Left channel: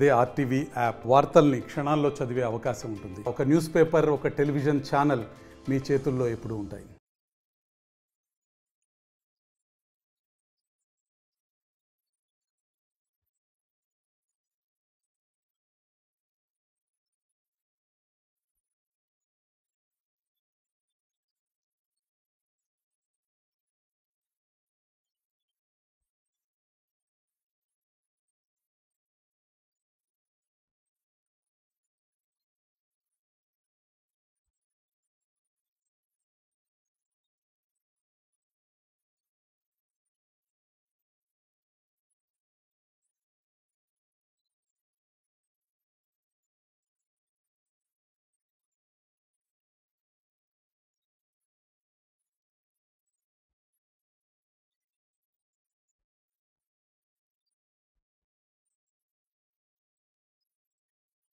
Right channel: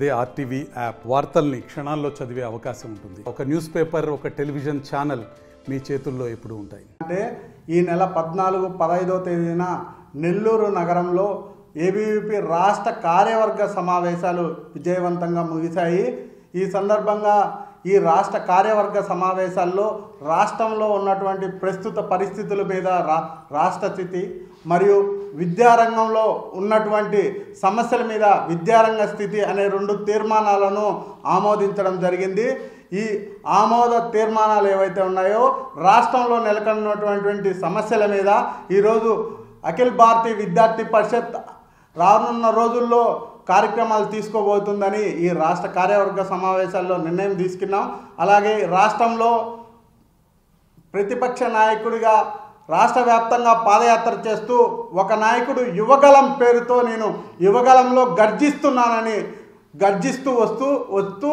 అదే RTV app వార్తల్ని క్షణాల్లో చదివే అవకాశం ఉంటుంది. ఒక న్యూస్ పేపర్, ఒక టెలివిజన్ ఛానల్ మీ చేతుల్లో ఎప్పుడూ ఉంటాయి. అంటే ఈ నెల 14, 15వ తేదీన నెల్లూరు నగరంలో ఏబీవీపీ రాష్ట్ర కార్యవర్గ సమావేశాలు విజయవంతంగా ముగిశాయి. ఈ సందర్భంగా ఈ రాష్ట్ర కార్యవర్గ సమావేశాల్లో రాష్ట్రంలో ఉన్నటువంటి ప్రస్తుత పరిస్థితుల మీద రాష్ట్ర స్థితి మరియు విద్యారంగంలో ఉన్నటువంటి సమస్యల మీద విద్యారంగ స్థితి అనే 2 తీర్మానాలను ఆమోదించడం జరిగింది. ఈ ఆమోద తీర్మానాలు ఏవైతే ఉన్నాయో రాష్ట్రంలో నెలకొన్నటువంటి సమస్యల మీద ఈరోజు అఖిల భారతీయ విద్యార్థి పరిషత్ రానున్న రోజుల్లో కార్యక్రమాలు తీసుకోబోతుందని ఈ రాష్ట్ర కార్యవర్గ సమావేశాల్లో నిర్ణయం తీసుకున్నాం. అలాగే రాష్ట్రంలో ప్రతిపక్ష నాయకుడిగా రాష్ట్ర వ్యాప్తంగా పాదయాత్ర చేస్తూ ఒక నాయకుడు యువగలం పేరుతో నేను యువగలంలో గర్జిస్తున్నానని గర్జిస్తూ వస్తూ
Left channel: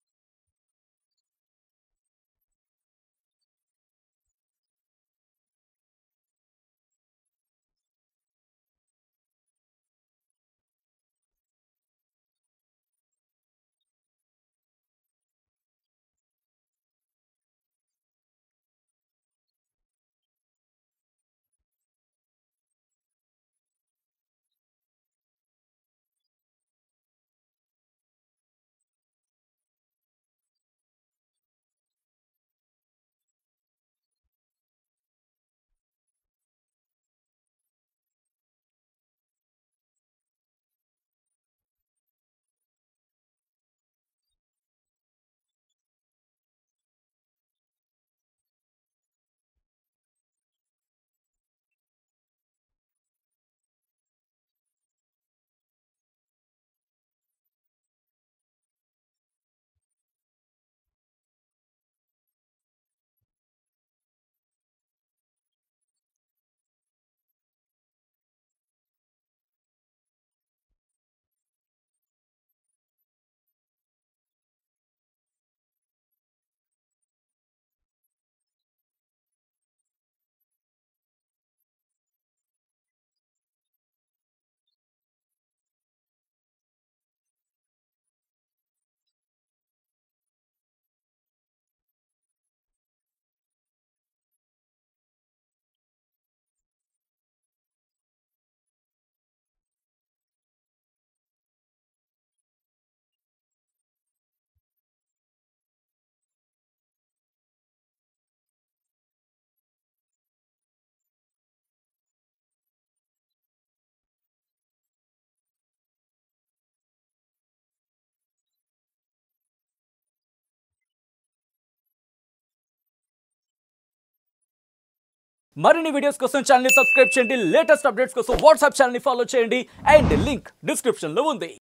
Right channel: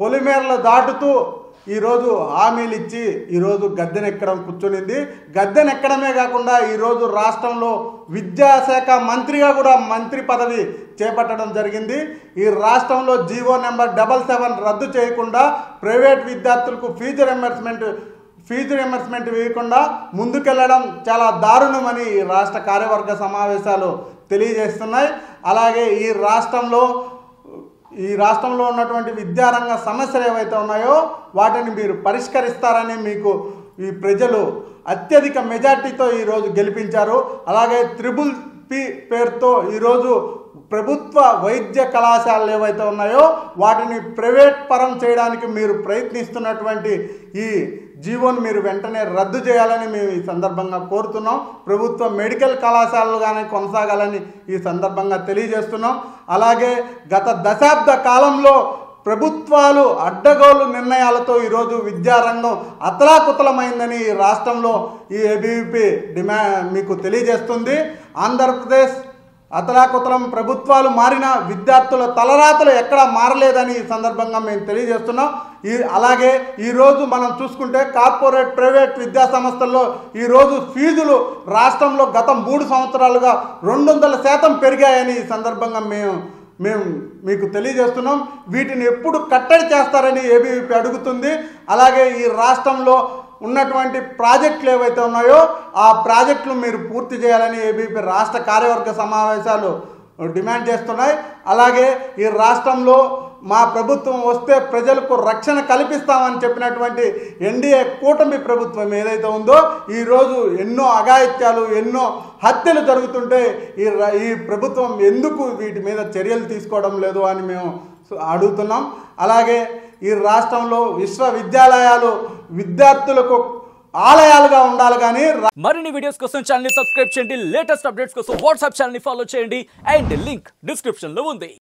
పొలిమేరలు దాటుతూ ఈరోజు హామీలు ఇచ్చి ఈరోజు గద్దెనెక్కడం కూర్చునింది. గద్దెనెక్కడమే కాకుండా ఈరోజు రాష్ట్రంలో విద్యాశాఖ మంత్రిగా కూడా మంత్రి పదవి చేపట్టడం జరిగింది. ఈ రాష్ట్రంలో జీవో నెంబర్ 77 రద్దు చేయకుండా ప్రైవేట్ విద్యార్థులకు ఫీజు రింబర్స్మెంట్ వేయకుండా ముందుకెళ్లడం చాలా దారుణమని ఈ రాష్ట్ర కార్యవర్గ సమావేశాలు తెలియజేస్తున్నాయి. అలాగే ఈ రాష్ట్రంలో ఉన్నటువంటి విద్యారంగ సమస్యలు ఏవైతే ఉన్నాయో వాటిని మీరు పరిష్కరిస్తారని మీకు ఈ ప్రజలు అత్యధిక మెజార్టీతో ఈరోజు గెలిపించారు. అలాగే త్రిబుల్-P పేరుతో ఈరోజు ప్రభుత్వ వైద్య కళాశాలలు ఏవైతే ఉన్నాయో వాటిని ప్రైవేట్ పరం చేయడానికి మీరు ప్రయత్నిస్తున్నటువంటి ఈ జీవోను మీరు వెంటనే రద్దు చేయాలని మేము ఈ సందర్భంగా కోరుతున్నాం. ప్రభుత్వ మెడికల్ కళాశాలలు కానీ కొనసాగాలని ఈ సందర్భంగా తెలియజేస్తున్నాం. అలాగే గత దశాబ్ద కాలంలో ప్రభుత్వాలు అడ్డగోలు నిర్ణయాలతో ఈరోజు విద్యారంగం అతలాకుతలమైందని ఈ రాష్ట్రంలో ఈ ఏబీవీపీ మీకు తెలియజేస్తుంది. ఆంధ్రప్రదేశ్ అతలాకుతలం ప్రభుత్వాలు మారిన విద్యార్థుల తలరాతలు ఎక్కడా మారలేదని ఈ సందర్భంగా మేము తెలియజేస్తున్నాం. అలాగే ఈరోజు మనం చూసుకుంటే కార్పొరేట్ ప్రైవేట్ విద్యా సంస్థల్లో ఈరోజు ఫీజులు రాష్ట్రంలో గత 3 సంవత్సరాలుగా 200% పెరిగాయని ఈ సందర్భంగా మేము మీకు తెలియజేస్తున్నాం. వీటిని ఎప్పుడు కట్టడి చేస్తారని ఏబీవీపీ అడుగుతుంది. అలాగే ఈ రాష్ట్రంలో ఉన్నటువంటి ప్రాజెక్టులు ఏవైతే ఉన్నాయో ఆ ప్రాజెక్టులు మీరు పూర్తి చేయాలని ఏబీవీపీ రాష్ట్ర కార్యవర్గ సమావేశాలు డిమాండ్ చేస్తున్నాయి. అలాగే ఈ రాష్ట్రంలో మా ప్రభుత్వం వస్తే ప్రజలకు రక్షణ కల్పిస్తామని చెప్పినటువంటి ఎన్డీఏ కూటమి ప్రభుత్వం ఏదైతే ఉందో ఈరోజు ఎన్నో అఘాయిత్యాలు, ఎన్నో హత్యలు జరుగుతుంటే ఈ ప్రభుత్వం ఎందుకు వీటి మీద చర్యలు తీసుకోవడం లేదు అని మేము అడుగుతున్నాం. అలాగే ఈ రాష్ట్రంలో విశ్వవిద్యాలయాలు విద్యార్థులకు ఆలయాలుగా ఉండాలి కానీ మరిన్ని వీడియోస్ కోసం ఛానల్ ని సబ్స్క్రైబ్ చేయండి. లేటెస్ట్ అప్డేట్స్ కోసం వాట్సాప్ ఛానల్ ని ఫాలో చేయండి. అండ్ లింక్ డిస్క్రిప్షన్ లో ఉంది.